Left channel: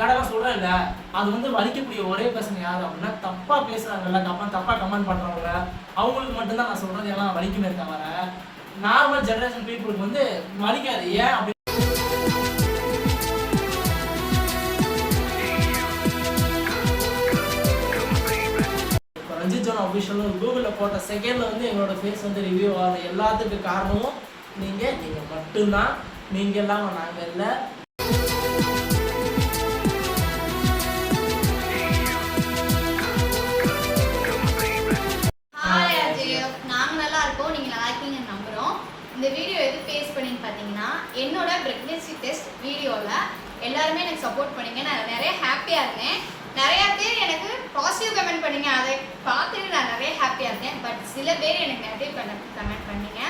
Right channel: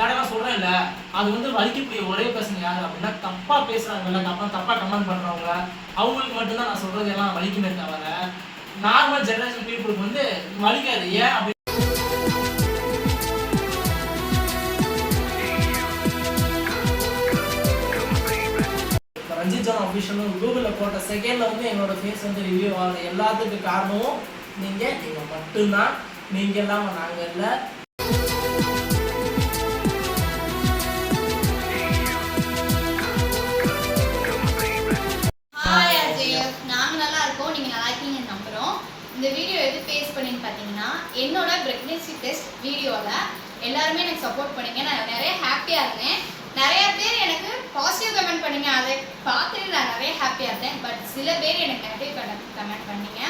பேடெல்லாம் சொல்கிறேன் இல்லை, அது வந்து வலிக்கக்கூடிய ஒரே பர்சன் யார் அப்படின்னா தப்பாக பேசுகிறாங்கல்ல, தப்பாக கமெண்ட் பண்ணுறவங்க, அவங்களுக்கு மட்டும்தான் நான் சொல்கிறது எல்லாம் வலிக்குமே தவிர நார்மல் ஜென்ரேஷன் பீப்புளுக்கு வந்து வலிக்காது. ஏன் அப்படி ரஞ்சித் ஜான் அஃபிஷியலும் கூகுளில் போட்ட செகண்டில் வந்து எங்களோட ஃபேஸ் வந்து ரிவ்யூ ஆகுது. எல்லாத்துக்கும் காரணமும் நீங்கள் மட்டும்தான். நீங்கள் இல்லாமல் நாங்கள் இல்லை. நாங்கள் நல்லா இருக்கோம், நீங்கள் நல்லா இருக்கீங்கன்னு நம்புகிறோம். இந்த வீடியோ எது ஃபேஸ் பண்ணின்னு பார்த்தீங்கன்னா, என்னோட ப்ரெக்னன்சி டெஸ்ட் வீடியோவில் எல்லாருமே எனக்கு சப்போர்ட் பண்ணீங்க. நான் நிறைய ஹாப்பியாக இருந்தேன். நிறைய பேர் எனக்கு பாசிட்டிவ் கமெண்ட் பண்ணீங்க, அதை பார்த்துட்டு நான் நிறைய ஹாப்பியாக இருந்தேன். பட் சில பேர் எனக்கு நெகட்டிவ் கமெண்ட் பண்ணீங்க,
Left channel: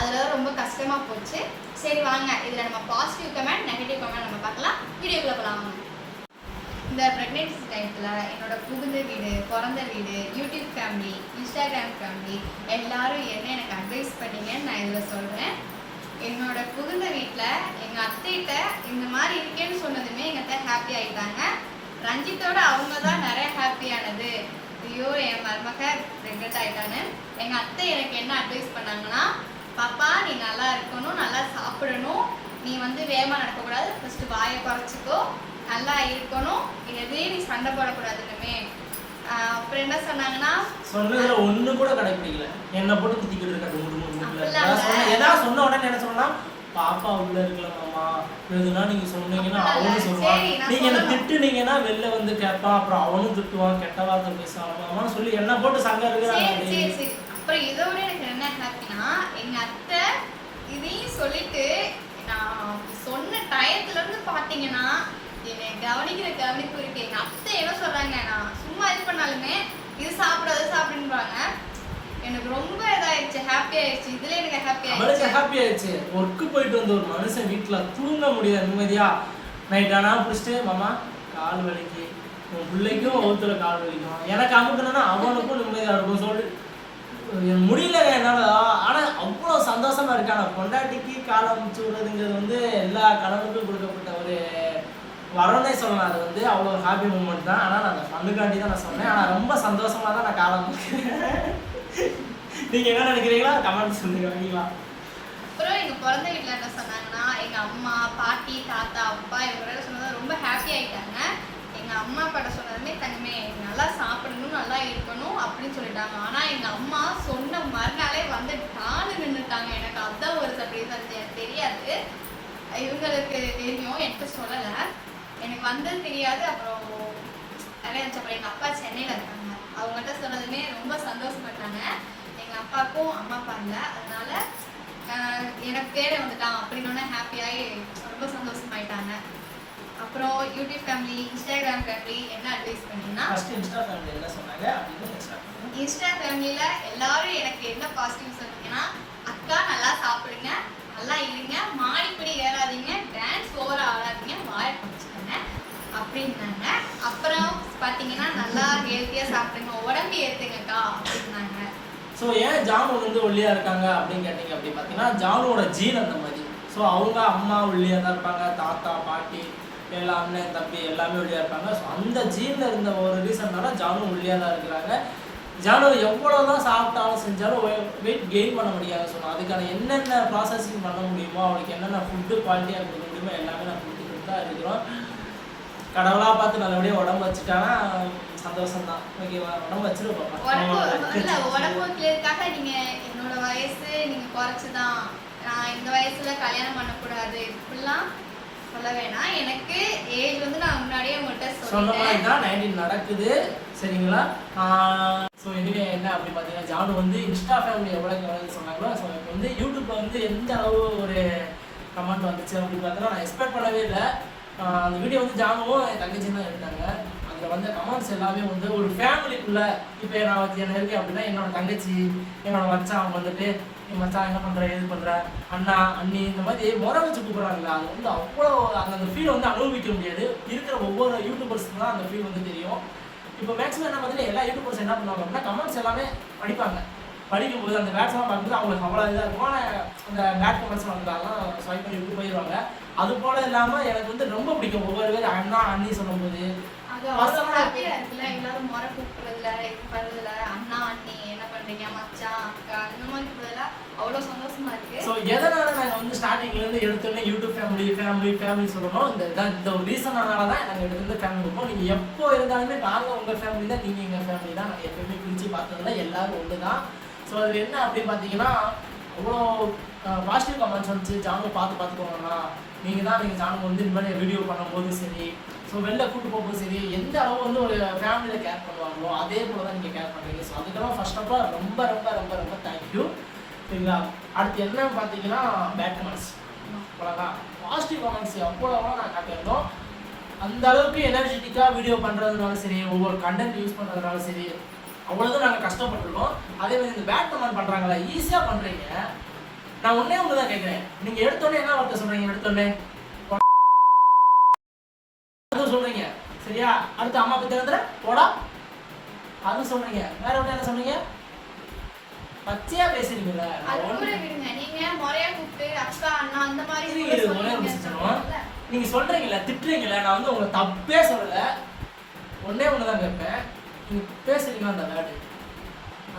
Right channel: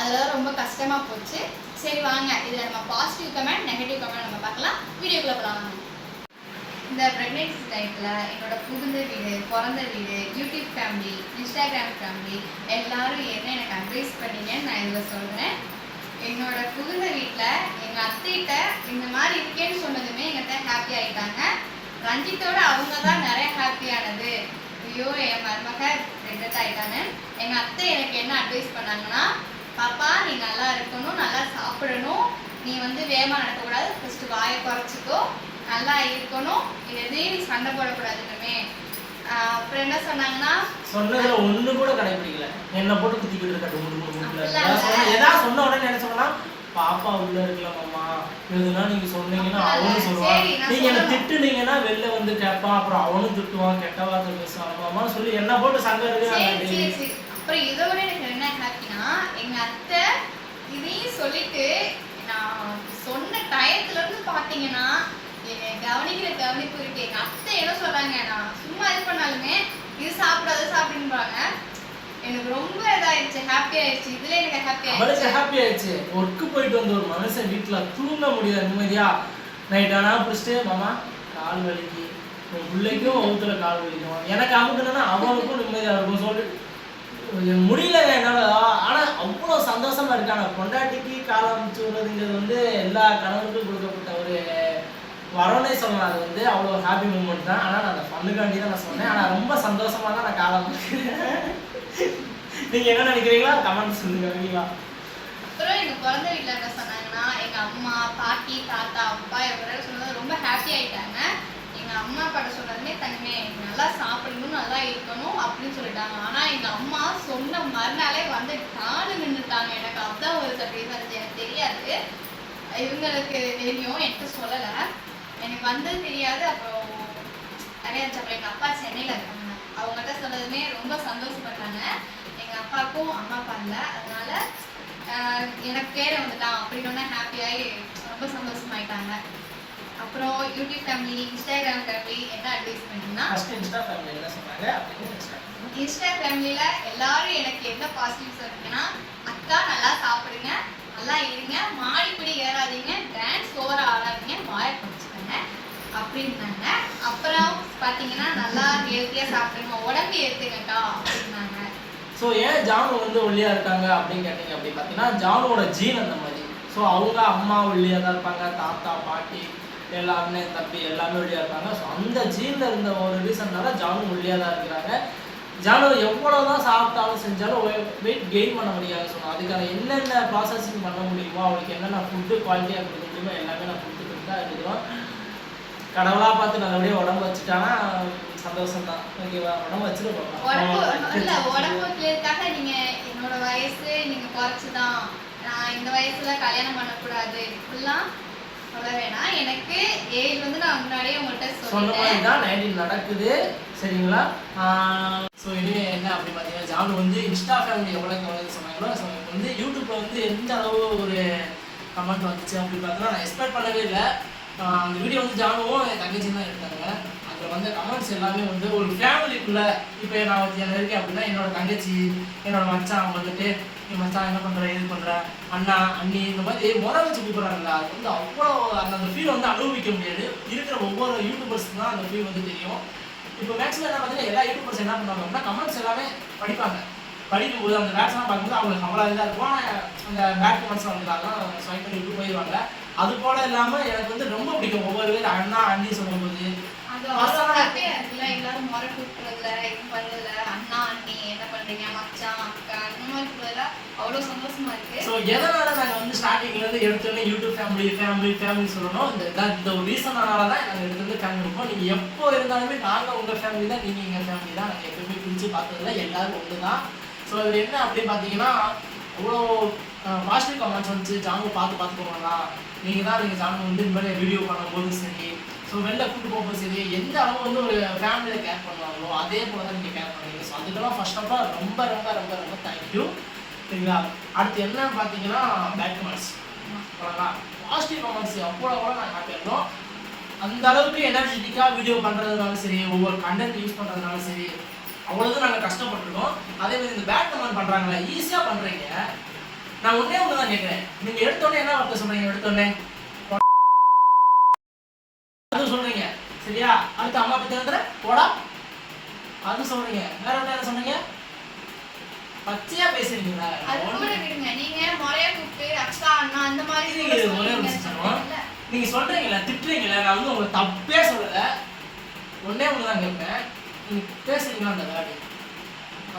அதில் ரொம்ப கஷ்டமாக போச்சு. சரி வாங்க, இதில் நம்ம பாசிட்டிவ் கமெண்ட் நெகட்டிவ் கமெண்ட் நம்ம பார்க்கலாம். வீடியோக்குள்ளே போகலாம். இந்த ப்ரெக்னென்சி டைத்தில் என்னோட புகுந்த வீடு, பிறந்த வீடு, யூடியூப் ஃபேமிலி, இன்ஸ்டாகிராம் ஃபேமிலி எல்லாரும் என்ன எனக்கு அட்வைஸ் பண்ணீங்கன்னு நான் இதில் சொல்கிறேன். என்னோட புகுந்த வீட்டில் எங்கள் அத்தைகிட்ட இந்த மாதிரி இருக்கேன்னு சொன்னதுமே எங்கள் அத்தை ஹாப்பி ஆகிட்டாங்க. ரஞ்சித்தோட அவங்க தான் நிறைய ஹாப்பியானது. ஐயோ என் மருமக ப்ரெக்னென்ட் ஆகிட்டாங்க. எங்கள் அத்தை எனக்கு என்ன அட்வைஸ் பண்ணாங்கன்னா, பாப்பா நீ நல்லா இருக்கணும், நல்லா சாப்பிடணும், நீ வந்து வேகமாக நடக்கக்கூடாது, ஃபஸ்ட்டு வாயை குறைச்சிக்கோ, நல்லா இருக்கணும், எதையும் நீ சண்டை போடக்கூடாதுன்னு. அப்புறம் என்ன சொன்னாங்கன்னா, சொன்னதுல ஒண்ணு கூட கடைபிடிக்கல. என்ன போட்டு குத்திக்கிட்டு இருக்காரு. ஏதாவது சொன்ன உடனே என்ன சொல்லலாம், பாப்பா உள்ள இருக்கல மாமா, எதுனா நீங்க சொன்னீங்கன்னா அவனும் சொல்லுவான், நீங்க என்ன திட்டுனீங்கன்னா வெளில வந்து கேட்பான், அப்புறம் அவனும் திட்டுவான், கெட்ட வார்த்தை பேசுவான் மாமான்னு சொல்லி என்ன போட்டு சண்டை இருக்கு. அப்புறம் இதோட எனக்கு என்ன ஹாப்பினா, எங்க அத்தை இதையும் சொல்லிட்டு நான் சொன்ன டயத்துல இருந்து பாத்தீங்கன்னா என்னை கவனிக்கிற கவனிப்பு இருக்கு. எங்க அத்தை என்ன சொல்றாங்க, நான் சும்மா இது பண்ணாலுமே இது சாப்பிடு அது சாப்பிடுன்றாங்க. எனக்கு ரொம்ப இதாயிடுச்சு, ஹாப்பி ஆயிடுச்சு. இதுல எனக்கு ஹாப்பி ஆயிடுச்சு. ஒர்க்கு போயிட்டு வந்த ஒரு மனுஷன் வீட்டுல தூங்க முடியாது நிம்மதியா. நைட் ஆனா பிடிச்சிட்டு மாமா கால் வலிக்கு, உன் பிள்ளைக்கும் ஒவ்வொருத்துல கால் வலிக்கும், எனக்கு அமுக்கணும்னா அவனுக்கும் நிம்மதியா இருக்கும் சொல்லி முடியல என்னால. ஆனா அவ்வளவு சந்தோஷமா இருக்கான. பொண்டாட்டிக்கு கால் அமைச்சு விடுறதுங்கிறது வந்து எல்லா கணவனுக்கும் கொடுக்கப்பட்ட ஒரு வரனே சொல்லலாம். அது வந்து அவ்வளோ ஹாப்பி மூமெண்ட் தான். ஆனால் நான் அந்த ஃபண்ணுக்காண்டி தான் நான் சொன்னேன். ஆனால் ரொம்ப சந்தோஷமாக தான் நான் காலம் நீங்கள் என்ன நினைக்கிறீங்களா கமெண்ட்ஸ் சொல்லுங்க. ஓகேங்களா? அப்புறம் எங்கள் பிறந்த வீட்டில் என்ன சொன்னாங்கன்னா, எங்கள் அம்மா பாட்டி தாத்தா அப்பா இவங்க சொன்னது ரொம்ப ஹாப்பி ஆகிட்டாங்க. எங்கள் அம்மா அப்பாட்ட சொன்னதுமே தங்கமே நல்லா சாப்பிடணும், நல்லா இருக்கணும் அப்படின்னு சொல்லிட்டாங்க. ஆனால் எங்கள் அம்மா சொன்ன மறுநாளே வந்து காலு நின்றுட்டாங்க. எனக்கு அதுதான் ஒரு சர்ப்ரைஸாக இருந்துச்சு. எனக்கு தெரியாது, இவங்களுக்கு தெரியும், எனக்கு சொல்லலை. எனக்கு வந்தது தெரியாது. அப்புறம் நிறைய இருந்துச்சு. அப்புறம் எங்கள் அப்பா சென்னையில் இருக்காங்க, அவங்கள்ட்ட சொன்னதுமே ரொம்ப சந்தோஷப்பட்டாங்க. எங்கள் அப்பாவுக்கும் அம்மா அப்பா இல்லை, அதனால எனக்கு பேரை வந்துட்டான் அப்படின்னு ஹாப்பியாகி ரொம்ப சந்தோஷமாயிட்டாங்க. அப்புறம் யூடியூப் ஃபேமிலி, இன்ஸ்டாகிராம் ஃபேமிலி என்ன அட்வைஸ் பண்ணீங்கன்னா, இன்ஸ்டா ஃபேமிலியில் எல்லாரும் எனக்கு என்ன பாசிட்டிவ் சொன்னீங்கன்னா, அக்கா நல்லா சாப்பிடுங்க, நல்லா இருங்க, மாடிப்படி ஏறாதீங்க, டான்ஸ் ஓவரா ஆடாதீங்க, வாயை படிச்சுக்கோங்க அப்படின்னாங்க. அப்புறம் பார்த்தீங்கன்னா நல்லா ஹெல்த்தியாக சாப்பிடுங்க, உடம்பு ஏற்றுங்கக்கா அப்படின்னாங்க. ஸோ ஏன் ஜானு வந்து ஒல்லியாக இருக்காங்க அப்படின்னு கேட்டீங்க அப்படின்னு பார்த்தீங்கன்னா, ஜானுவோட ஜீன் அந்த மாதிரி. ஸோ அவங்க அம்மா ஒல்லியாக தான் இருப்பாங்க, தாத்தா பாட்டி எல்லா அண்ணன் தம்பி எல்லாமே ஒல்லியாக இருப்பாங்க. ஸோ அந்த ஜீனில் இருந்த ஒரு ரீசன்னால ஜானு ஒல்லியாக தான் இருக்கிறாங்க. ஜானு எவ்வளோ தான் சாப்பிட்டாலும் செஞ்சாலும் வெயிட் கெயின் பண்ண முடியாது. சொன்னோம் அதுக்கான என்னென்ன ப்ராசஸிங் பண்ண முடியுமோ, அவளுக்கு என்னென்ன ஃபுட்டு குவாலிட்டியாக கொடுக்க முடியுமோ எல்லாமே நான் கொடுத்துட்டு தான் இருக்கிறோம். கடவுளாக பார்த்து நல்லபடியாக உடம்பு வச்சுட்டாங்கன்னா சந்தோஷம் தான். ஓகேவா? உடம்பு வச்சுருக்கோம். உடம்பு வைக்கிறதுக்காக நீங்கள் என்னோட வயசு நீங்கள் குறைச்சிதான், நான் இந்த வயசுல கல்யாணம் பண்ணக்கூடாது இப்படிலாம் சொல்ல வேணாம். எனக்கு ஏஜ் வந்து நான் முன்னாடியே உங்கள்கிட்ட சொல்லிட்டேன். 19 நடக்குது சரிங்களா? ஸோ இனிமே என்ன அப்படின்னு பார்த்தீங்கன்னா, ஜானு வந்து இன்ஸ்டா ஃபேமிலி எவ்வளோக்கு சொன்னாங்களோ, ஸோ எனக்கு வந்து யூடியூப்பில் வந்து எந்த அளவு ஒரு கமெண்ட் வந்துச்சு அப்படின்னு பார்த்தீங்கன்னா நான் எக்ஸ்பெக்ட் பண்ணவே இல்லை. அந்த வீடியோ வந்து ஜானுவும் என் தங்கச்சி தான் எடுத்தாங்க. அதில் வந்து கமெண்ட்ஸ் எல்லாமே வந்து ஒரு ஃபேமிலிக்குள்ளே, இப்போ நான் வந்து என்ன இருக்கேன் அப்படின்னா என்னோட தங்கச்சி, என்னோட மச்சான் அவங்க வந்துட்டு என் மச்சான் என்ன பண்ணுற, இது பண்ணுற, அண்ணா அண்ணி இந்த மாதிரி முறை வச்சு கூப்பிட்றாங்களா, அது வந்து அவ்வளோ அந்த ஃபீல் வந்து அனுபவிக்க முடியாது. இருக்கிற ஒவ்வொரு யூடியூபர்ஸ்க்கு தான் அந்த ஃபீல் வந்து தெரியும். இப்போ மேக்ஸிமம் என்ன பார்த்தீங்கன்னா எல்லா யூடியூபர்ஸ் என்ன பண்ணுவாங்க அப்படின்னா கமெண்ட்ஸ் எல்லாமே படிப்பாங்க. படிக்கும்போது அந்த வேட்ஸ்லாம் பார்க்கும்போது அவங்களுக்கு அவ்வளோ இதாக இருக்கும். ஆனால் அந்த பேட் கமெண்ட்ஸ் அவங்களுக்காக ஸ்வைப் பண்ணி விட்டு போயிடுவாங்க. அது போல இல்லாமல் எனக்கு வந்து ரொம்ப பிடிக்கும் ஒவ்வொரு பேர் அண்ணா அண்ணி சொல்லும்போது எல்லாரும் முறை கூப்பிடுறதுல இது பண்ணல அண்ணா அண்ணி என்ன பண்றீங்க மச்சான் அக்கா இந்த மாதிரி கூப்பிடுறதுல அவ்வளோ சந்தோஷமா இருக்கு. ஸோ எதனால நாங்கள் வந்து ஸ்டார்டிங்லேருந்து எடுத்தோடனே யூடியூப் ஃபேமிலி சொல்லணும் இந்த ஒரு ரீசனால தான் நாங்கள் எடுத்துருந்து ஃபேமிலி இருப்போம். நீங்கள் எப்போ இருந்தாலுமே நாங்கள் உங்கள் ஃபேமிலி தான், நீங்கள் எங்கள் ஃபேமிலி தான். நாங்கள் எப்பவுமே பிரித்து பார்த்ததில்ல, எல்லாரும் ஒன்று தான். ஸோ அதில் என்ன அப்படின்னு பார்த்தீங்கன்னா அவ்வளோ பாசிட்டிவ் கமெண்ட்ஸ் வந்துச்சு. ஜானு பார்த்துக்கோங்களா, நீங்கள் ஜானு வந்து இந்த மாதிரி வீடியோ பண்ணும்போது சரி, ஸோ வெளில கூட்டு போகும்போது சரி, எந்த அளவு வந்து ஒரு ஃபேமிலியில் கேர் பண்ணுவாங்களோ அதே போல தான் நீங்கள் கேர் பண்ணுறீங்க. ஸோ அதுக்கெல்லாம் ஃபர்ஸ்ட் ஆஃப் ஆல் ரொம்ப ரொம்ப ரொம்ப ரொம்ப தேங்க்யூ. சரிங்களா? அடுத்து என்னன்னு பார்த்தீங்கன்னா பேட் கமெண்ட்ஸ். அவ்வளோதான். பாசிட்டிவ் கமெண்ட்ஸ் அவ்வளோ நான் காட்டியிருந்தோம். அந்த அளவுக்கு எனர்ஜெட்டிக்காக வீடியோ பண்ணுறதுனாலும் சரி, ஒவ்வொரு கண்டென்ட் யூஸ் பண்ணுறதுனாலும் சரி, அவ்வளோதான் நாங்கள் கஷ்டப்பட்டுருக்கோம். அதே மாதிரி இந்த பேட் கமெண்ட் பண்ணுறாங்களா, ஈஸியாக பண்ணுறீங்க. நான் ஒன்றே ஒன்று தான் கேட்குறேன், நீங்கள் எடுத்தோடனே என்ன வார்த்தை சொல்கிறீங்க? எடுத்தோடனே அது சொல்கிறீங்க சரியா? அடுத்து அம்மா பற்றி வந்து போடா அது சொல்கிறீங்க. வேற ஒன்று என்ன சொல்கிறீங்க? பச்சையா பேசுறீங்களா? அது கூட விடுங்க, நீங்க முறையா கூப்பிட்டு அக்கா அண்ணா அந்த மாதிரி நீங்க சொல்றீங்களா, திட்டுறீங்களா? நான் வந்து உங்களை தப்பே சொல்லல, ஒன்னே ஒண்ணுதான் கேட்பேன். நீங்க பேசுறீங்களா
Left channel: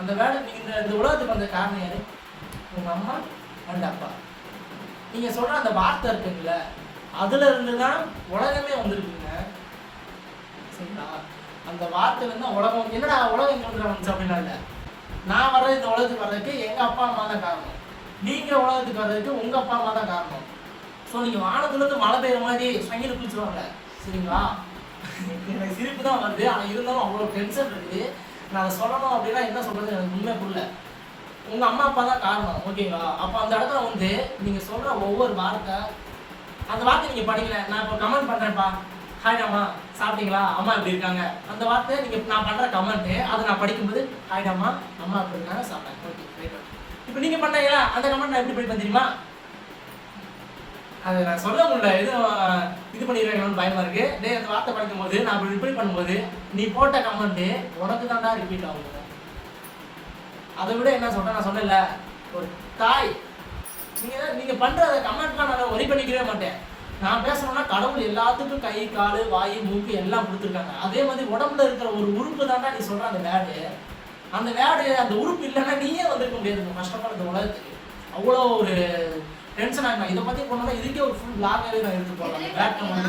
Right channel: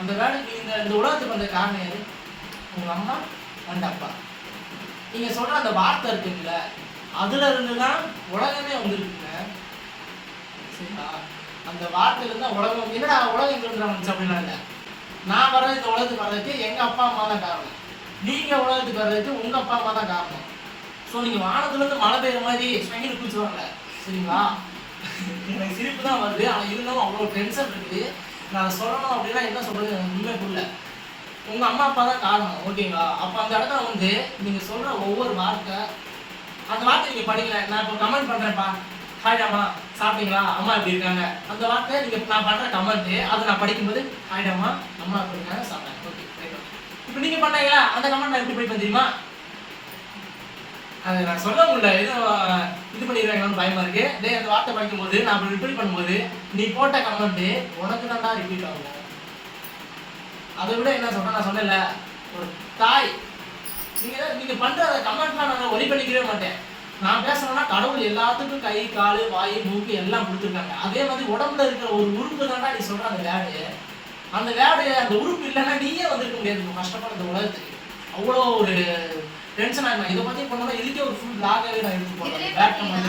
அந்த வேர்டு இந்த உலகத்துக்கு வந்த காரணம் யாரு? உங்க அம்மா அண்ட் அப்பா. நீங்க சொல்ற அந்த வார்த்தை இருக்குல்ல, அதுல இருந்துதான் உலகமே வந்துருக்குங்க. சரிங்களா? அந்த வார்த்தையில இருந்தா உலகம். என்னடா உலகம் எங்க வந்துச்சு அப்படின்னா இல்லை, நான் வர இந்த உலகத்துக்கு வர்றதுக்கு எங்கள் அப்பா அம்மா தான் காரணம், நீங்கள் உலகத்துக்கு வர்றதுக்கு உங்கள் அப்பா அம்மா தான் காரணம். ஸோ நீங்கள் வானத்துலேருந்து மழை பெய்யுற மாதிரி சங்கில குளிச்சுவாங்க. சரிங்களா? எனக்கு சிரிப்பு தான் வருது, ஆனால் இருந்தாலும் அவ்வளோ டென்ஷன் இருக்குது. நான் அதை சொல்லணும் அப்படின்னா என்ன சொல்கிறது எனக்கு உண்மை புரியல. உங்கள் அம்மா அப்பா தான் காரணம், ஓகேங்களா? அப்போ அந்த இடத்துல வந்து நீங்கள் சொல்கிற ஒவ்வொரு வார்த்தை, அந்த வார்த்தை நீங்கள் படிக்கல. நான் இப்போ கமெண்ட் பண்ணுறேன்ப்பா, ஹாய் அம்மா சாப்பிட்டீங்களா, அம்மா எப்படி இருக்காங்க, அந்த வார்த்தையை நீங்கள் நான் பண்ணுற கமெண்ட்டு அதை நான் படிக்கும்போது ஹாய் அம்மா அம்மா எப்படி இருக்காங்க சாப்பிட்டேன், ஓகே ரைட். இப்போ நீங்கள் பண்ணீங்களா அந்த கமெண்ட் நான் எப்படி படிப்பேன் தெரியுமா? அதை நான் சொல்ல முடியல, எதுவும் இது பண்ணிடுறாங்கன்னு பயமாக இருக்குது. டே அந்த வார்த்தை படிக்கும்போது நான் அப்படி ரிப்பீட் பண்ணும்போது நீ போட்ட கமெண்ட்டு உனக்கு தான்டா ரிப்பீட் ஆகும். அதை விட என்ன சொல்கிறேன், நான் சொன்னேன்ல ஒரு தாய், நீங்கள் பண்ணுற கமெண்ட்லாம் நான் ஒலி பண்ணிக்கவே மாட்டேன். நான் பேசணும்னா கடவுள் எல்லாத்துக்கும் கை கால் வாய் மூக்கு எல்லாம் கொடுத்துருக்காங்க. அதே மாதிரி உடம்புல இருக்கிற ஒரு உறுப்பு தாண்டா நீ சொல்ற அந்த வேர்டு, அந்த வேர்டு அந்த உறுப்பு இல்லைன்னா நீயே வந்துருக்க முடியாது. கஷ்டப்பட இந்த உலகத்துக்கு அவ்வளோ ஒரு டென்ஷன் ஆகணும். இதை பற்றி பண்ணோம்னா இதுக்கே ஒரு ஃபுல் பிளாகாகவே நான் எடுத்து போடலாம். பேட் கமெண்ட்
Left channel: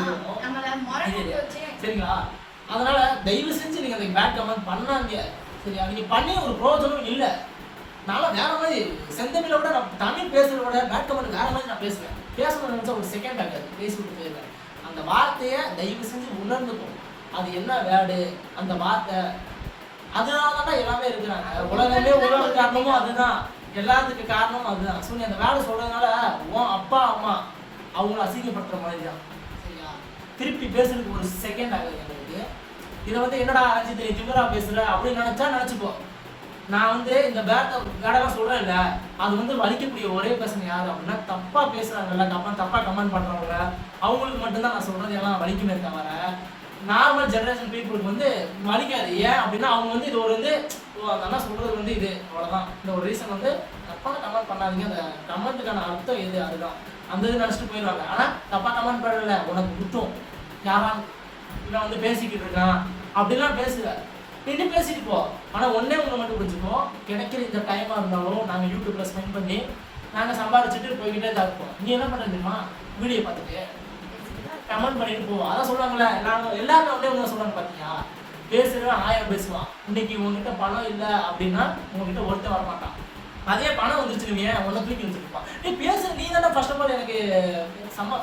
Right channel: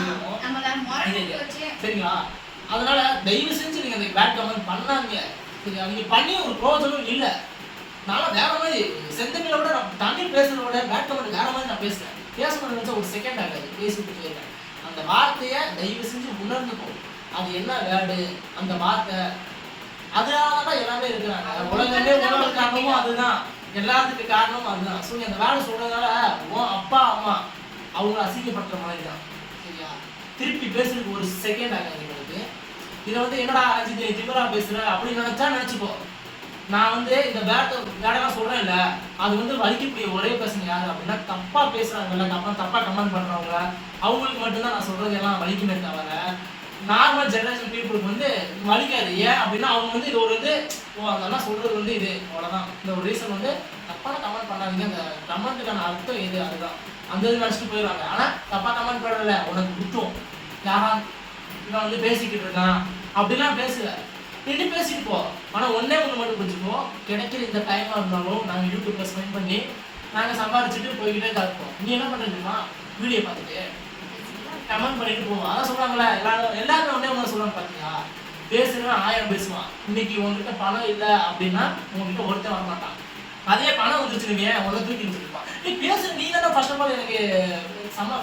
சரிங்களா? அதனால தயவு செஞ்சு நீங்கள் அந்த பேட் கமெண்ட் பண்ணாங்க சரியா? நீங்கள் பண்ணி ஒரு பிரோஜனம் இல்லை. நானும் வேற மாதிரி செந்தமிழோட நான் தமிழ் பேசுறதோட பேட் கமெண்ட் வேற மாதிரி நான் பேசுகிறேன். பேசணும்னு நினச்சா ஒரு செகண்ட் ஆகாது, பேசிவிட்டு போயிருக்கேன். அந்த வார்த்தையை தயவு செஞ்சு உணர்ந்துக்கும். அது என்ன வேர்டு அந்த வார்த்தை, அதனால தான் எல்லாமே இருக்கிறாங்க. உலகமே உலக காரணமும் அதுதான், எல்லாத்துக்கு காரணமும் அதுதான். ஸோ அந்த வேர்டு சொல்றதுனால உன் அப்பா அம்மா அவங்க அசிங்கப்படுற மாதிரி தான் சரியா? திருப்பி பேசுறதுக்கு ஒரு செகண்ட் ஆகாது எங்களுக்கு. இதை வந்து என்னடா அஜித் திமிரா பேசுற அப்படின்னு நினச்சிக்கோ. நான் வந்து இந்த வேடெல்லாம் சொல்கிறேன் இல்லை, அது வந்து வலிக்கக்கூடிய ஒரே பர்சன் யார் அப்படின்னா தப்பாக பேசுகிறாங்கல்ல, தப்பாக கமெண்ட் பண்ணுறவங்க, அவங்களுக்கு மட்டும்தான் நான் சொல்கிறது எல்லாம் வலிக்குமே தவிர நார்மல் ஜென்ரேஷன் பீப்புளுக்கு வந்து வலிக்காது. ஏன் அப்படின்னா அவங்க வந்து இது ஒரு வந்து நல்லா சொல்கிறது வந்து இது அவ்வளோதான். இந்த ஒரு ரீசன் வந்து தப்பாக கமெண்ட் பண்ணாதீங்க, அந்த கமெண்ட்டுக்கான அர்த்தம் இது அதுதான், அந்த இது நினச்சிட்டு போயிடுவாங்க. ஆனால் தப்பாக கமெண்ட் பண்ணல உனக்கு குத்தம், யாரா இவன் வந்து பேசிக்கிட்டு இருக்கான் அப்படிலாம் பேசுல, நின்று பேசிட்டு போ. ஆனால் ஒன்றே ஒன்று மட்டும் புரிஞ்சுப்போம், கிடைக்கிற இந்த டைமாக இருந்தாலும் நாங்கள் யூடியூப்பில் ஸ்பெண்ட் பண்ணி நாங்கள் சம்பாரிச்சுட்டு போய்கிட்டே தான் இருப்போம். நீ என்ன பண்ணுறீங்கம்மா வீடியோ பார்த்துட்டு கமெண்ட் பண்ணிட்டு போவோம். அதான் சொல்கிறாங்களே எல்லாருமே ஒன்றே ஒன்று சொல்கிறாங்க பார்த்தீங்களா? பேசுகிறவன் 1000 பேசுவான். இன்னைக்கு உங்ககிட்ட பணம் இல்லை அப்படின்னா உங்ககிட்ட ஒருத்தர் வரமாட்டான். அதே பணம் வந்துருச்சுருவீங்க உங்களை தூக்கி வச்சுருப்பான். நீ பேசுகிற நீ தானே ஃபர்ஸ்ட் ஆஃப் ஆல் எனக்கு செம்ம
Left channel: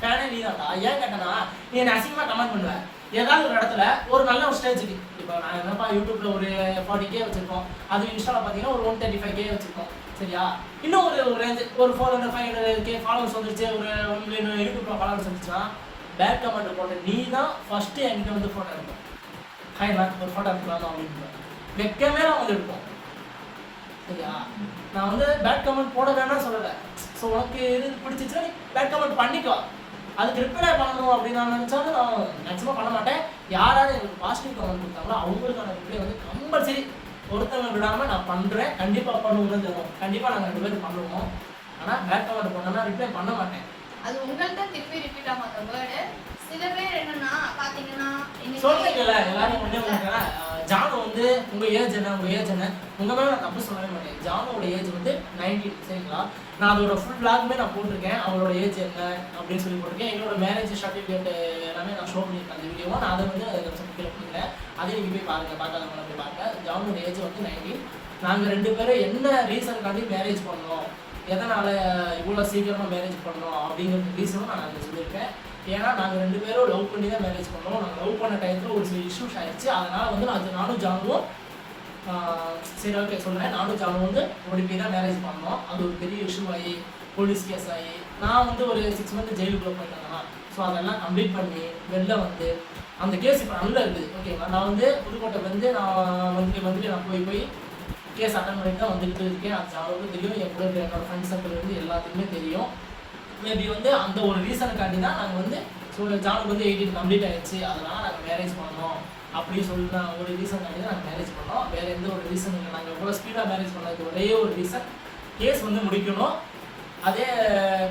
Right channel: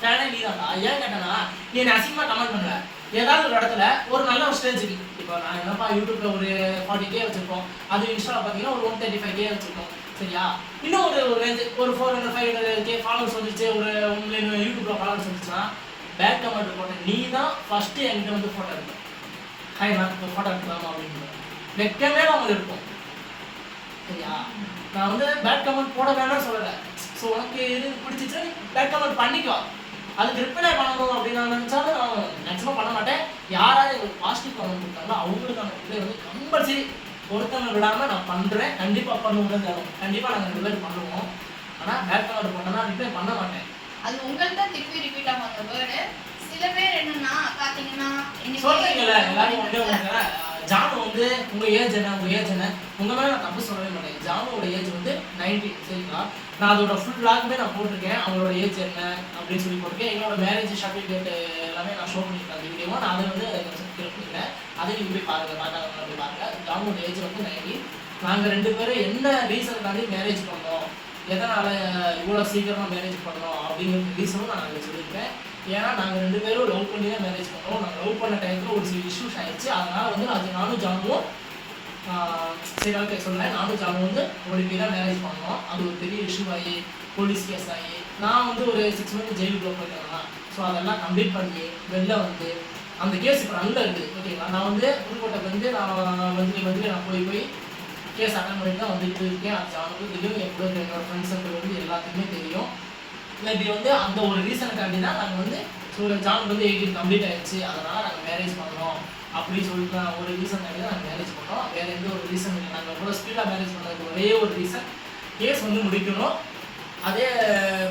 ஃபேனே நீ தான்டா. ஏன் கேட்டேன்னா நீ என்னை அசிங்கமாக கமெண்ட் பண்ணல, ஏதாவது ஒரு இடத்துல ஒரு நல்ல ஒரு ஸ்டேஜுக்கு இப்போ நான் என்னப்பா யூடியூப்ல ஒரு 40K வச்சிருக்கோம், அது இன்ஸ்டாவில் பார்த்தீங்கன்னா ஒரு 135K வச்சிருக்கோம் சரியா? இன்னும் ஒரு ரேஞ்சு ஒரு 400-500K ஃபாலோவர்ஸ் வந்துருச்சு, ஒரு 1 million யூடியூப்ல ஃபாலோவர்ஸ் வந்துச்சுன்னா பேக் கமெண்ட் போட்ட நீ தான் ஃபர்ஸ்ட்டு என்கிட்ட வந்து ஃபோட்டோ எடுப்பேன். ஹாய் நான் ஒரு ஃபோட்டோ எடுக்கலாமா அப்படின்னு வெக்கமே நான் வந்து எடுப்போம் சரியா? நான் வந்து பேட் கமெண்ட் போட வேணாம்னு சொல்லலை. ஸோ உனக்கு எது பிடிச்சிச்சு பேட் கமெண்ட் பண்ணிக்கோ, அதுக்கு ரிப்ளை பண்ணணும் அப்படின்னு நான் நினச்சாலும் நான் மேக்ஸிமம் பண்ண மாட்டேன். யாராவது எனக்கு பாசிட்டிவ் கமெண்ட் கொடுத்தாங்களோ அவங்களுக்கான ரிப்ளை வந்து கம்பல்சரி ஒருத்தவங்க விடாமல் நான் பண்ணுறேன். கண்டிப்பாக பண்ணுவோம், கண்டிப்பாக நாங்கள் 2 பேரும் பண்ணுவோம். ஆனால் பேட் கமெண்ட் பண்ணோம்னா ரிப்ளை பண்ண மாட்டேன். அது உங்கள்கிட்ட திருப்பி ரிப்பீட் ஆகும் அந்த வேர்டு. சில பேர் என்னன்னா பார்த்தீங்கன்னா சொல்றீங்களா எல்லாரும் வந்து ஜானு வந்து உங்க ஏஜ் என்ன உங்க மேல நான் தப்பு சொல்லவே மாட்டேன். ஜானுவோட ஏஜ் வந்து 19 சரிங்களா. நான் அதோட ஃபுல் விளாகுமே நான் போட்டிருக்கேன். அவங்களோட ஏஜ் என்ன அப்படின்னு சொல்லி போட்டிருக்கேன். என்னோட மேரேஜ் சர்டிஃபிகேட் எல்லாமே நான் ஷோ பண்ணியிருக்கேன் அந்த வீடியோவும். நான் அதை வந்து பண்ணிக்கிறேன். அதை நீங்க போய் பாருங்க, பார்க்காதவங்க போய் பாருங்க. ஜானுவோட ஏஜ் வந்து 19. நாங்கள் 2 பேரும் என்ன ரீசனுக்காண்டி மேரேஜ் பண்ணோம், எதனால் இவ்வளோ சீக்கிரமாக மேரேஜ் பண்ணோம் அப்படிங்கிற ரீசனும் நான் அதில் சொல்லியிருக்கேன். ஏன்னா நாங்கள் 2 பேரும் லவ் பண்ணி தான் மேரேஜ் பண்ணோம். நாங்கள் லவ் பண்ண டைத்தில் ஒரு சில இஷ்யூஸ் ஆகிடுச்சு. அதனால் வந்து நானும் ஜானுவும் சரி ஓகே சொல்கிறேன். நானும் ஜானும் வந்து ஓடி போய் தான் மேரேஜ் பண்ணோம். அது ஒரு பெரிய இஷ்யூ ஆகி போலீஸ் கேஸ் ஆகி நான் வந்து ஒரு 6 மந்த் ஜெயிலுக்கு போயிருந்தேன். ஸோ அதெல்லாம் கம்ப்ளீட் பண்ணி வெளில வந்து அந்த கேஸ் இப்போ நல்லா இருக்குது ஓகேங்களா. நான் வந்து புதுக்கோட்டையிலேருந்து நான் மந்த்லி நான் போய் கேஸ் அட்டன் பண்ணிட்டு தான் வந்துட்டு இருக்கேன். அது ஜானுக்கு தெரியும், என்னோட ஃப்ரெண்ட்ஸ் சர்க்கிள் வந்து எல்லாத்துக்குமே தெரியும். மேபி வந்து அந்த ஒரு ரீசனுக்காண்டி தான் நாங்கள் வந்து ஜானுக்கு வந்து 18 கம்ப்ளீட் ஆகிடுச்சு, அதனால் நாங்கள் மேரேஜ் பண்ணோம் அப்படின்னு சொல்லிட்டு ஒரு ரீசனுக்காண்டி தான் நாங்கள் மேரேஜ் பண்ணோம். வேறு எந்த ஒரு ரீசன் இல்லை. நாங்கள் எவ்வளோ ஸ்பீடாக மேரேஜ் பண்ணதுக்கு ஒரே ஒரு ரீசன், கேஸ் வந்து முடிக்கணும். அதே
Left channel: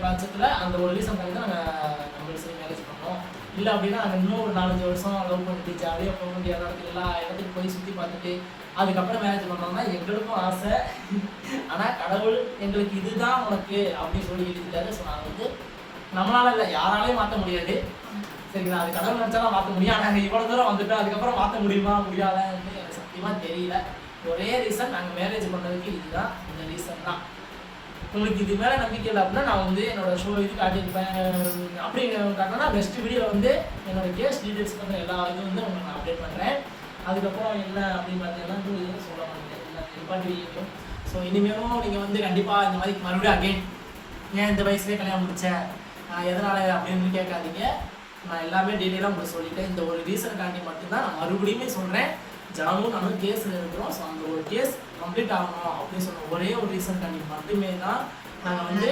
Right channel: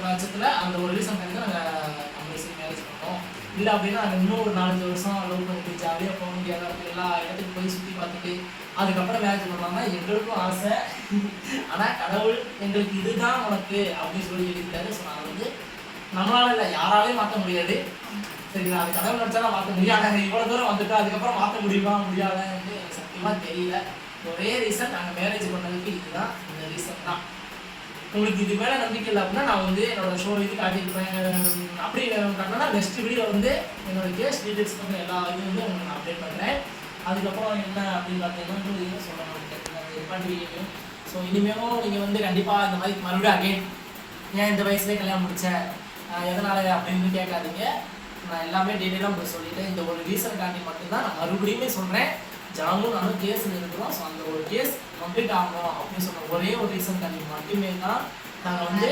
பட்சத்தில் அந்த ஒரு ரீசனுக்காண்டி தான் நாங்கள் கம்பல்சரி மேரேஜ் பண்ணோம். இல்லை அப்படின்னா நாங்கள் இன்னும் ஒரு 4-5 வருஷம் லவ் பண்ணிட்டு ஜாலியாக போக முடியாத இடத்துல எல்லா இடத்துக்கு போய் சுற்றி பார்த்துட்டு அதுக்கப்புறம் மேரேஜ் பண்ணோம்னா எங்களுக்கும் ஆசை. ஆனால் கடவுள் எங்களுக்கு இதுதான் உனக்கு அப்படின்னு சொல்லி எழுதிட்டாரு. ஸோ நான் வந்து நம்மளால இல்லை, யாராலையும் மாற்ற முடியாது சரிங்களா. அது கடவுள் நினச்சா தான் மாற்ற முடியும். ஆனால் இவ்வளோ தூரம் வந்துட்டு அதுக்கப்புறம் மாற்ற முடியுமா முடியாதான்னு எனக்கு சத்தியமாக தெரியல. ஒரே ரீசன் நாங்கள் மேரேஜ் பண்ணதுக்கு இதுதான், இந்த ரீசன் தான். உங்களுக்கு இது மேலே நம்பிக்கை இல்லை அப்படின்னா நான் வந்து என்னோட ஷோ இது காட்டியிருப்பேன். அப்படி காட்டினா நெக்ஸ்ட் வீடியோ வந்து என்னோட கேஸ் டீட்டெயில்ஸ் பண்ண எல்லா இதுவும் வந்து உங்களுக்கு நான் அப்டேட் பண்ணுறேன். அதுக்கப்புறம் என்ன அப்படின்னு பார்த்தீங்கன்னா இதுவும் சொல்ல மாட்டேன் வீடியோ. ஸோ இனிமேலும் நீங்கள் வந்து கண்டிப்பாக இந்த மாதிரி மறுபடியும் அகைன் ஏன் இந்த வயசுலேயே கல்யாணம் முடித்தேன் எதனால் அப்படின்னு கேட்காதீங்க. நான் எல்லாமே டீட்டெயிலாக உங்களுக்கு சொல்லிட்டேன். இந்த ஒரு ரீசனுக்காண்டி மட்டும்தான் நான் மறுபடியுமே சொல்கிறேன். ஜானும் நானும் கேஸில் இருக்கிறோம். ஸோ அந்த ஒரு கேஸ் கம்ப்ளீட் ஆகணும் அப்படின்னு சொன்ன ஒரே ஒரு ரீசனுக்காண்டி மட்டுமே தான் நாங்கள் வந்து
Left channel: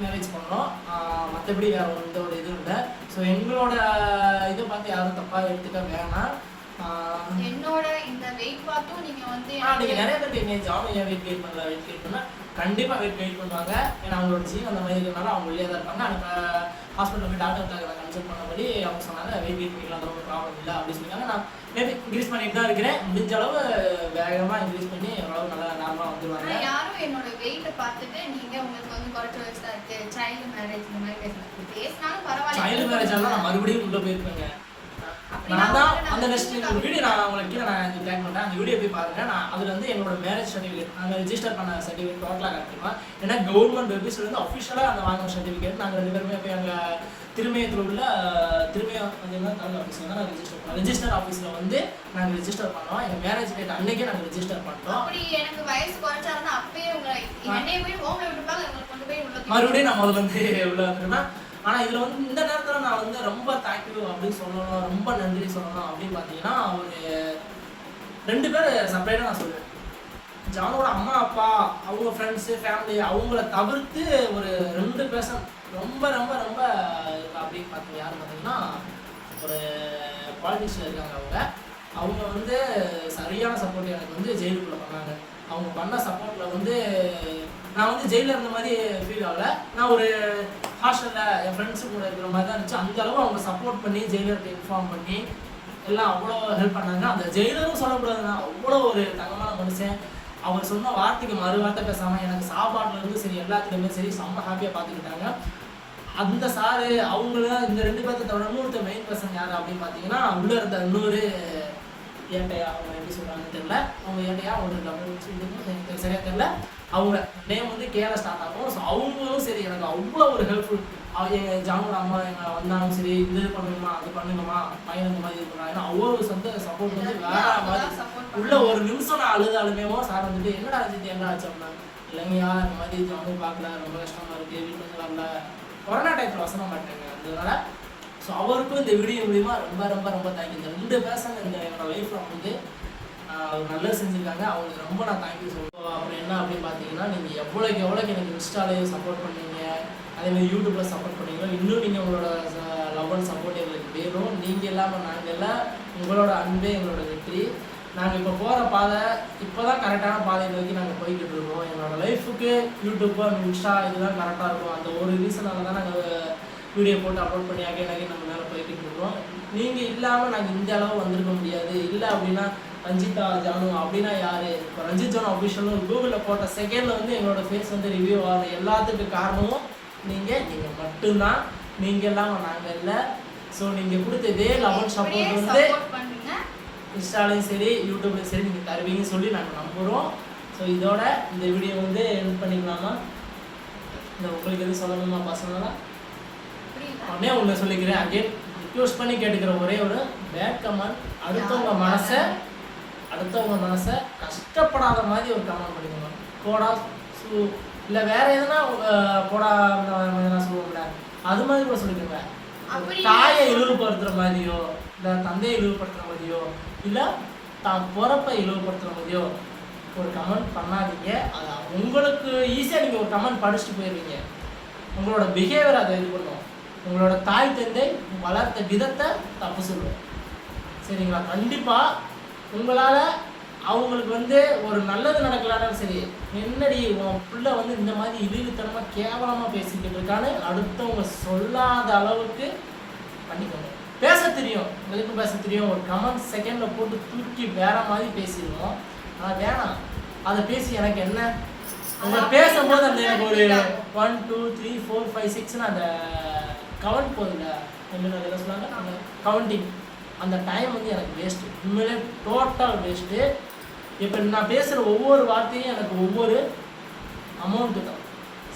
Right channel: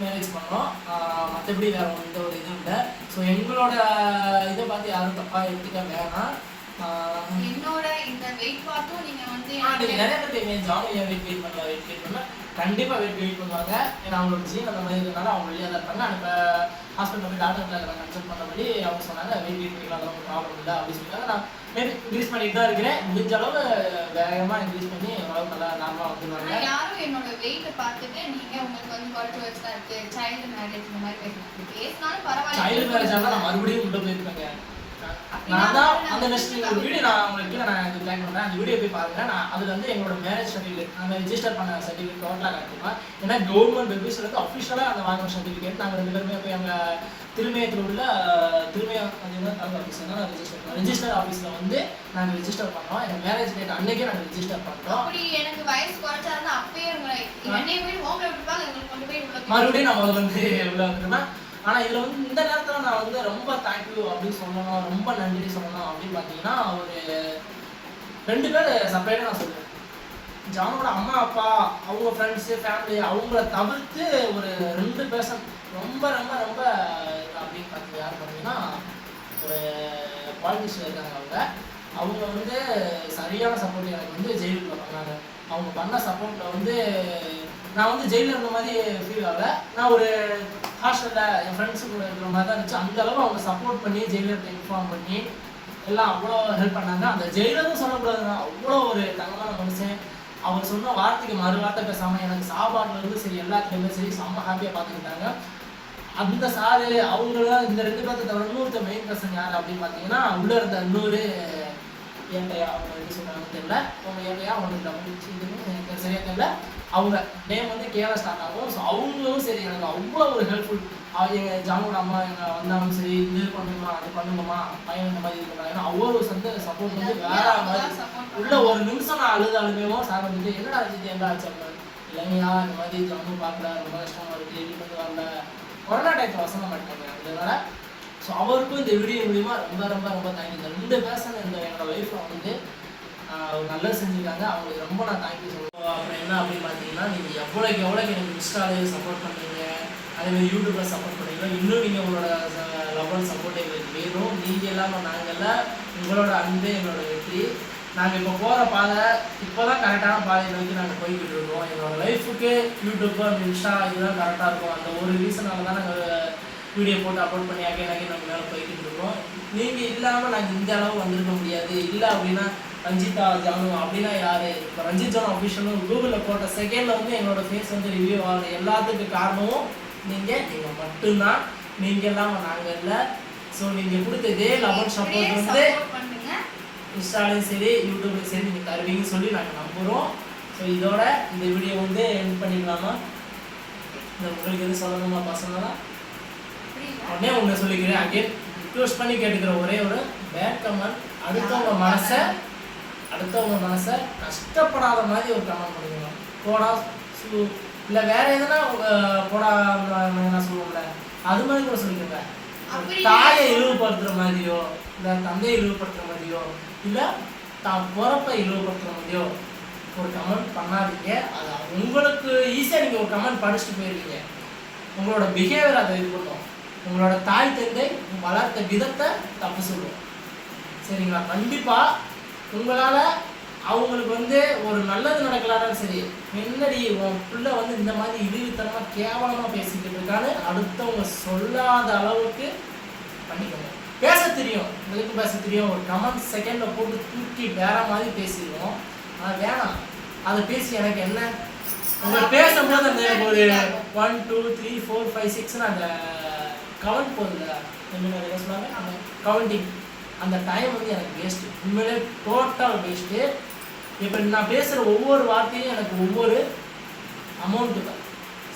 மேரேஜ் பண்ணோம். மற்றபடி வேறு எந்த ஒரு இதுவும் இல்லை. ஸோ எங்களோட இதை பார்த்து யாரும் தப்பாக எடுத்துக்க வேணாம். என்னோட இந்த வெயிட் பார்த்தும் நீங்கள் வந்து நீங்கள் நிறைய பேர் கேட்குங்க ஜானும் ஏன் வெயிட் பண்ணலாம் கண்டிப்பாக வெயிட் பண்ணுவாங்க. ஏன்னா அவங்களோட ஜீன் அந்த மாதிரி இருக்கிறனால அவங்க வெளியே தான் இருப்பாங்க. எனக்கு ஹாஸ்பிட்டல் போய் டாக்டர்கிட்ட நான் கன்சல்ட் பண்ணபடி அவங்க சொன்னாங்க வெயிட் பண்ணிக்கலாம், அதெல்லாம் ஒரு ப்ராப்ளம் இல்லை அப்படின்னு சொல்லிட்டாங்க. நான் மேபி இன்க்ரீஸ் பண்ணிட்டு தான் இருக்கிறேன். முடிஞ்ச அளவு வேகமாக இன்க்ரீஸ் பண்ணி ஓரளவு நல்லா நார்மலாக வந்துருவாங்க. யாரும் என்னோட வெயிட்டை பார்த்துட்டு நீங்கள் உங்களுக்கு வந்து குறைச்சி வச்சு தான் இருக்குது சைல்டு மேரேஜ் இந்த மாதிரி பேசினாலும் பரவாயில்ல. சைல்டு மேரேஜ் ஆனால் நான் மறுபடியும் உள்ளே போயிருப்பேங்க. நான் தான் அந்த நெக்ஸ்ட் ஒரு வீடியோ நான் உங்களுக்கு கீழே நான் இது டேக் பண்ணுறேன். அந்த வீடியோ போய் பார்த்துட்டேன். நான் அதில் வந்து எங்களோட மேரேஜ் சர்டிஃபிகேட் நாங்கள் ரிஜிஸ்டர் பண்ண சர்டிஃபிகேட் டோட்டலாக கட்டிருக்கோம். ஏன்னா கவர்மெண்ட் வெப்சைட்லேருந்து அஃபிஷியலாக அந்த வாங்கின சர்டிஃபிகேட் நாங்கள் 2 பேருமே போய் எங்கள் திருமயத்தில் உள்ள திருமயம் தமிழ் ஆஃபீஸில் தான் ரிஜிஸ்டர் பண்ணோம். ரிஜிஸ்டர் ஆஃபீஸில் வந்து நாங்கள் ரிஜிஸ்டர் பண்ணோம். எங்கள் மேரேஜ் டேட் அன்னைக்கே நாங்கள் ரிஜிஸ்டர் பண்ணிட்டோம். அப்படி எனக்கு வயசு குறைச்சாருன்னா அப்பயே உங்களை என்னை போய் ஹோமில் விட்டுப்பாங்க, உங்களுக்கு கொண்டு போய் உள்ள மறுபடியும் நான் முதல்ல வந்து உள்ள இருக்கிறேன். ஆனால் இதில் வந்து இந்த நேரத்தில் நான் வந்து ரொம்ப தேங்க்யூ அப்படின்னு சொல்லணும், ரொம்ப நன்றி சொல்லணும் அப்படின்னு பார்த்தீங்கன்னா ஒரு 2 பேர் செப்பரேட்டாக நான் சொல்லுவேன். ஜானோட அம்மா அப்பா அவங்க ஃப்ரெண்ட்ஸு ஃபேமிலி அவங்கள தவிர்த்து ஒரு 2 பர்சன் ரொம்ப ரொம்ப ரொம்ப அப்படின்னு பார்த்தீங்க யாரும் பார்த்தீங்கன்னா ஒரு பாலிட்டிஷியன் இருக்காங்க. அவங்க வந்து சரியான சப்போர்ட் எனக்கு வந்து ஜெயிலுக்குள்ள பண்ணாங்க. அவங்க பண்ண சப்போர்ட்டில் வந்து நான் வந்து ஜெயிலில் இருந்த மாதிரி ஃபீல் ஆகலை. நான் ஒரு ஹாஸ்டலில் என் ஃப்ரெண்ட்ஸு கூட இருக்கிற மாதிரி தான் இருந்துச்சு. அந்தளவு அவங்க சப்போர்ட் பண்ணி ஜெயிலர்கிட்ட இன்ஃபார்ம் பண்ணி எல்லாம் அவ்வளோ ஹெல்ப் பண்ணாங்க. அந்த ஜெயிலரும் சொல்லக்கூடாதுங்க, அவ்வளோ ஒரு தங்கமான மனுஷன். அவர் சொன்ன வார்த்தைக்கு மறு வார்த்தை பேசாமல் எனக்கு சாப்பாடுலேருந்து சரி எல்லாத்துலேயுமே சரி செம்ம ஹாப்பியாக பார்த்துக்கிட்டாங்க. அந்த சாரு அவங்களும் இந்த 2 பேர்த்த தவிர இன்னொருத்த மெயின் பர்சன் யார் அப்படின்னு பார்த்தீங்கன்னா உள்ளே இருந்த இன்னொரு ஏட்டையா அவங்க எப்படி சொல்கிறாங்கன்னு தெரியல. அவங்க ஏட்டையா அவங்க எனக்கு சரியாக தெரியல. அவங்க நேம் வந்து கேரளா ஸ்டார்ட் ஆகும். ஸோ அவங்களும் சரி எனக்கு அவ்வளோ ஒரு ஹெல்ப்ஃபுல். எங்கள் ஜானோட அம்மா எங்கள் வந்தாலும் சரி இது பண்ணுமா அது பண்ணுங்கம்மா பையன் இந்த மாதிரி இது பண்ணுறாங்க. ஏன்னா அவ்வளோ சப்போர்ட் வந்து வேற மாதிரி உள்ள ஒரு நிமிஷம் நான் அழுதாலுமேவோ சார் வந்துட்டு என்னடா ஆச்சு என்ன ஆச்சு அப்படின்னா இல்லைங்கய்யா இந்த மாதிரி ஜானு பார்க்குறா ரொம்ப கஷ்டமாக இருக்குது வீட்டுக்கு வந்து வரல கொரோனா டைத்தில் வசன மாட்டாங்க. அதனால ஸோ அவருக்கும் இந்த வீடியோ மூலிமா ரொம்ப ரொம்ப ரொம்ப தேங்க்யூ. இந்த 2 பேர்சன் இந்த என்னோட லைஃப்பில் வந்து நல்லது செஞ்சுருக்காங்க. அவங்களுக்கு ரொம்ப நான் தேங்க்யூ சொல்லுவோம். அப்புறம் என்ன அப்படின்னு பார்த்தீங்கன்னா நீங்கள் எவ்வளோக்கு எனக்கு இன்ஸ்டாலே சப்போர்ட் பண்ணீங்க, அதேமாதிரி யூடியூப்பில் சப்போர்ட் பண்ணீங்க. இன்னும் நீங்கள் உங்களோட லவ் அண்ட் சப்போர்ட் எங்களுக்கு வேணும். நீங்கள் இல்லாமல் நாங்கள் உங்களோட அன்பே எங்களோட வெற்றி. நாங்கள் இப்போ போகிற பாதை இப்போ தான் கரெக்டான பாதை நோக்கி நாங்கள் போய்கிட்டு இருக்கோம். என்னோடய லைஃபுக்கு யூடியூப்பு அந்த இன்ஸ்டா இதுதான் கரெக்டாக இருக்கும். அந்த ஒரு ரீசனால தான் நாங்கள் வீடியோ போட்டு அப்லோட் பண்ணி அகைன் நம்ம மேலே போய்கிட்டு இருக்கோம். நீங்கள் இல்லாமல் நாங்கள் இந்த அளவு வந்திருக்க முடியாது. இல்லை அப்படின்னா ரஞ்சிதா ஜானு அப்படின்னா யார்? இப்போ ரஞ்சித் ஜானு அஃபிஷியலும் கூகுளில் போட்ட செகண்டில் வந்து எங்களோட ஃபேஸ் வந்து ரிவ்யூ ஆகுது. எல்லாத்துக்கும் காரணமும் நீங்கள் மட்டும்தான். நீங்கள் இல்லாமல் நாங்கள் இல்லை. ஸோ நீங்கள் கொடுத்த இதே லவ் சப்போர்ட் வந்து இன்ஸ்டாலையும் சரி யூடியூப்லையும் சரி நீங்கள் தருவீங்கன்னு சொல்லி நாங்கள் நம்புகிறோம். ஸோ இதோட இந்த வீடியோ வந்து எண்ட் பண்ணிக்கலாமா? இந்த உங்களுக்கு எதுவும் சொல்லணுமா பர்சனலாக? உடனே ஒன்று சொல்லிக்கிறேன். அகைன் ரிக்வெஸ்ட் பண்ணி கேட்டுக்கிற ஒரே ஒரு பேட் கமெண்ட், அடுத்தவங்க மனசை கஷ்டப்படாத மாதிரி ஒரு கமெண்ட் பண்ணிக்கணும். போடா இல்லை வேற எதுனா போடா சொல்லுவோம்ல அது மாதிரி கூட சொல்லிக்கோங்க. தாயை இழிவுபடுத்துகிற மாதிரியோ இல்லை தந்தையை இழிவுபடுத்துகிற மாதிரியோ இல்லை தான் பிறப்பை இழிவுபடுத்துகிற மாதிரியோ ஒரு கமெண்ட் பண்ணாதீங்க. அது உங்களுக்கு ஈஸியாக நீங்கள் ஒரு கமெண்ட் படிச்சுட்டு போயிடுவீங்க. உங்களோட பிஹேவியர் அதை இது பண்ணும். உங்களோட தாய் தந்தை வளர்த்த விதத்தை தப்பு சொல்லுவோம். சரிங்களா? கண்டிப்பாக உங்களால் அவங்களுக்கு வந்து ஒரு நல்லது நடக்கலான்னு சரி, என்னடி உன் பிள்ளை வந்து இந்த மாதிரி இழிவுத்தனமாக கேவலமாக பேசிக்கிட்டு இருக்கான்னு அடுத்தவங்க சொல்லாத அளவுக்கு பண்ணிக்கோங்க. பேச தெரியும், உங்களுக்கு பேச தெரியும். ஒரு கமெண்ட் செகண்டில் போட்டு தூக்கி வேற மாதிரி பேசிடுவோம். ஆனால் வேணாம், அதை பேசி எனக்கு என்ன? உங்களை பேசும்போது அந்த எனக்கு ஒரு 1 2 3 4 5 6ன்னு அந்த கவுண்ட் போகுதுல்ல, என்ன சொன்னாங்க அந்த கவுண்டிங், அந்த டைம் வந்து எனக்கு வேஸ்ட்டு. உண்மையிலே டோட்டல் வேஸ்ட்டு. இப்போ நான் பேசுகிற ஒவ்வொரு வார்த்தையும் எனக்கு ஒவ்வொரு அமௌண்ட்டு தான்.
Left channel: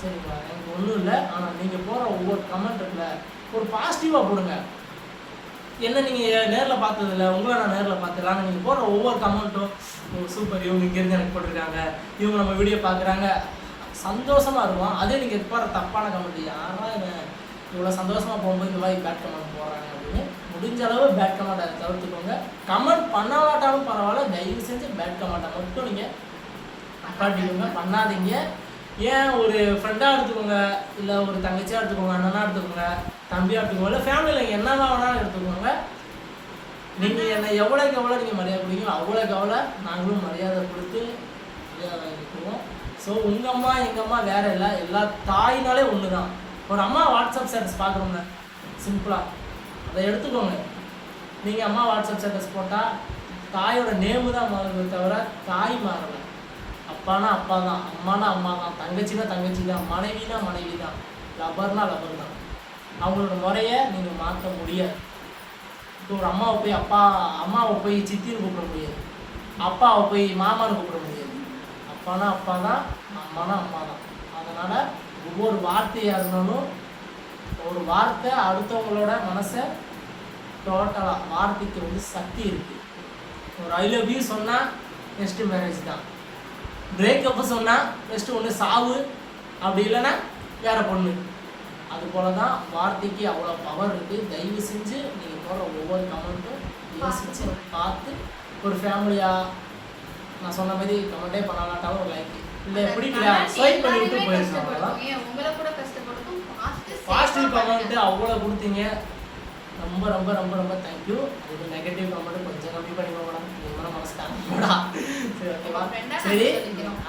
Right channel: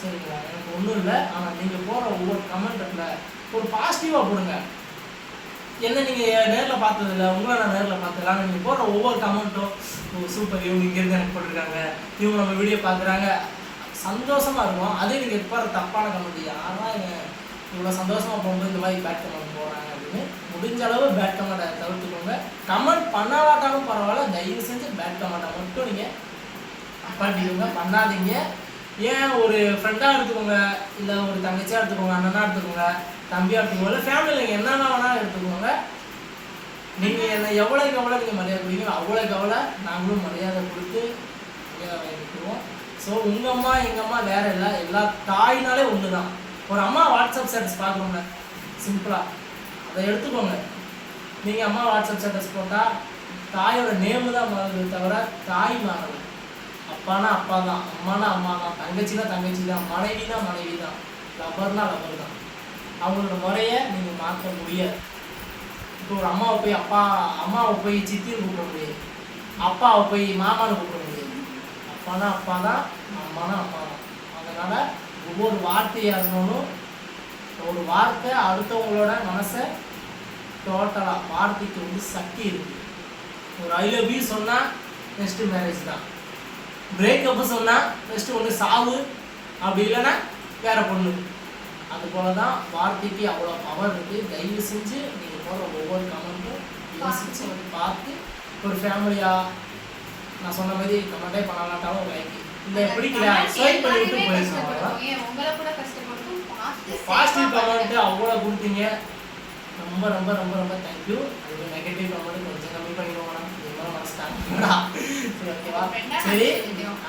சரிங்களா? எனக்கு ஒன்றும் இல்லை. ஆனால் நீங்கள் போகிற ஒவ்வொரு கமெண்ட்டில் ஒரு பாசிட்டிவாக போடுங்க. என்ன நீங்கள் நேரில் பார்த்ததில்ல, உங்களை நான் நேரில் பார்த்துக்கலாம். ஆனால் நீங்கள் போடுற ஒவ்வொரு கமெண்ட்டும் சூப்பர், இவங்க இங்கேருந்து எனக்கு போட்டிருக்காங்க, இவங்க நம்ம வீடியோ பார்க்குறாங்க, சந்தோஷமாக இருக்கும். அதே நீங்கள் போகிற தப்பான கமெண்ட், யாரா இவ்வளோ சந்தோஷமாக போகும்போது இந்த மாதிரி பேட் கமெண்ட் போடுறாங்க அப்படின்னு முடிஞ்ச அளவு பேட் கமெண்ட்டை தவிர்த்துக்கோங்க. கமெண்ட் பண்ணாட்டாலும் பரவாயில்ல, தயவு செஞ்சு பேட் கமெண்ட்டை மட்டும் நீங்கள் பாட்டிக்கோங்க, பண்ணாதீங்க. ஏன் ஒரு ஃப்ரெண்டாக எடுத்துக்கோங்க, இல்லை ஒரு தங்கச்சியாக எடுத்துக்கோங்க, அண்ணனாக எடுத்துக்கோங்க, தம்பியாக எடுத்துக்கோங்க, இல்லை ஃபேமிலியில் நீங்கள் என்னென்ன வேணாலும் எடுத்துக்கோங்க. நீங்கள் என்னை எவ்வளோக்கு எவ்வளோ நீங்கள் மரியாதை கொடுக்கீங்களோ அவ்வளோக்கு எவ்வளோ நாங்களும் மரியாதை கொடுத்து மரியாதை வாங்கிக்குவோம். ஸோ உங்கள் அம்மா எங்கள் அம்மா வேறு இல்லை, எல்லா தாயினாலே ஒன்று தான். ஒரு அம்மா வாட்ஸ்அப் ஸ்டேட்டஸ் பார்க்குறோங்க சிம்பிளாக, அதை எடுத்துக்கோங்க. நீங்கள் அம்மா வாட்ஸ்அப் ஸ்டேட்டஸ் போட்டால் தாயோட நேமு தான் மாறுது தவிர தாய் மாறலை. அப்பானா அப்பா தான், அம்மானா அம்மா தான், தங்கச்சினா தங்கச்சி தான், மனைவினா மனைவி தான், லவ்வர்னா லவ்வர் தான். அவங்களோட முறையை நீங்கள் மாற்ற முடியாது. இப்போ ஒரு அம்மாவை போய் சித்தின்னு கூப்பிட முடியாது, அப்பாவை போய் மாமான்னு கூப்பிட முடியாது. அப்பானா அப்பா தான், அம்மானா அம்மா தான். அதனால் ஒவ்வொரு வார்த்தையாக இருந்தாலும் ஒரு வார்த்தை அடுத்தவங்களோட மனசை டோட்டலாக, வார்த்தைக்கு வந்து சக்தி இருக்குது. ஒரு ஐ லவ் யூ சொன்னால் நெக்ஸ்ட்டு மேரேஜ் தான், பிரேக்கப்பு சொன்னால் நெக்ஸ்ட்டு ஒன்று சாவு, அப்படி இல்லைன்னா வேற பொண்ணு. அதுபோல் தான் வார்த்தைக்கு அவ்வளோ பவர் இருக்குது. தயவு செஞ்சு நீங்கள் போடுற ஒவ்வொரு கமெண்ட்டும் யோசிச்சு பார்த்து ஒரு ஃபேமிலியாக நான் சொன்ன மாதிரி கமெண்ட்டே பண்ணலாட்டாலும் ஒரு லைக் இல்லை பிடிக்கல ஸ்வைப் பண்ணிவிட்டு போயிருக்காங்க. பாசிட்டிவ் கமெண்ட்டு அவ்வளோ கொடுத்தீங்க, ரொம்ப ரொம்ப ரொம்ப ரொம்ப தேங்க்யூ. ஒரு நெகட்டிவ் கமெண்ட் கொஞ்சம் கம்மி பண்ணிக்கோங்க, இதுமாதிரி மனசுட்டாங்கடா. சரி ஓகேவா? சரி,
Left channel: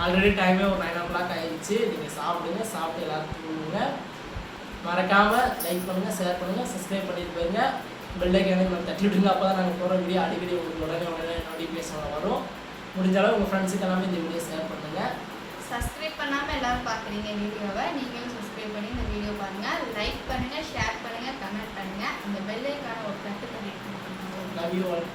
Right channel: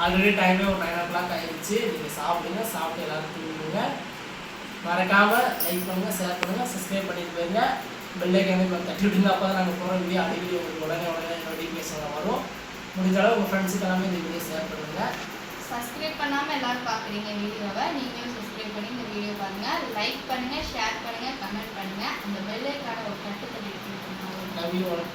ஆல்ரெடி டைமே ஒரு 9 o'clock ஆயிடுச்சு. நீங்கள் சாப்பிடுங்க, சாப்பிட்டு எல்லாரும் தூங்குங்க. மறக்காமல் லைக் பண்ணுங்கள், ஷேர் பண்ணுங்கள், சப்ஸ்கிரைப் பண்ணிட்டு போயிருங்க. பெல்லைக்கானே தட்டி விட்டுங்க. அப்போ தான் நாங்கள் போகிற வீடியோ அடிக்கடி உங்களுக்கு உடனே நோட்டிஃபிகேஷன் வரும். முடிஞ்ச அளவு உங்கள் ஃப்ரெண்ட்ஸுக்கு எல்லாமே இந்த வீடியோ ஷேர் பண்ணுங்கள். சப்ஸ்கிரைப் பண்ணாமல் எல்லாரும் பார்க்குறீங்க வீடியோவை, நீங்களும் சப்ஸ்கிரைப் பண்ணி இந்த வீடியோ பாருங்கள். லைக் பண்ணுங்கள், ஷேர் பண்ணுங்கள், கமெண்ட் பண்ணுங்கள். அந்த பெல்லைக்கான ஒரு தட்டு தட்டி லவ் யூ ஆல்.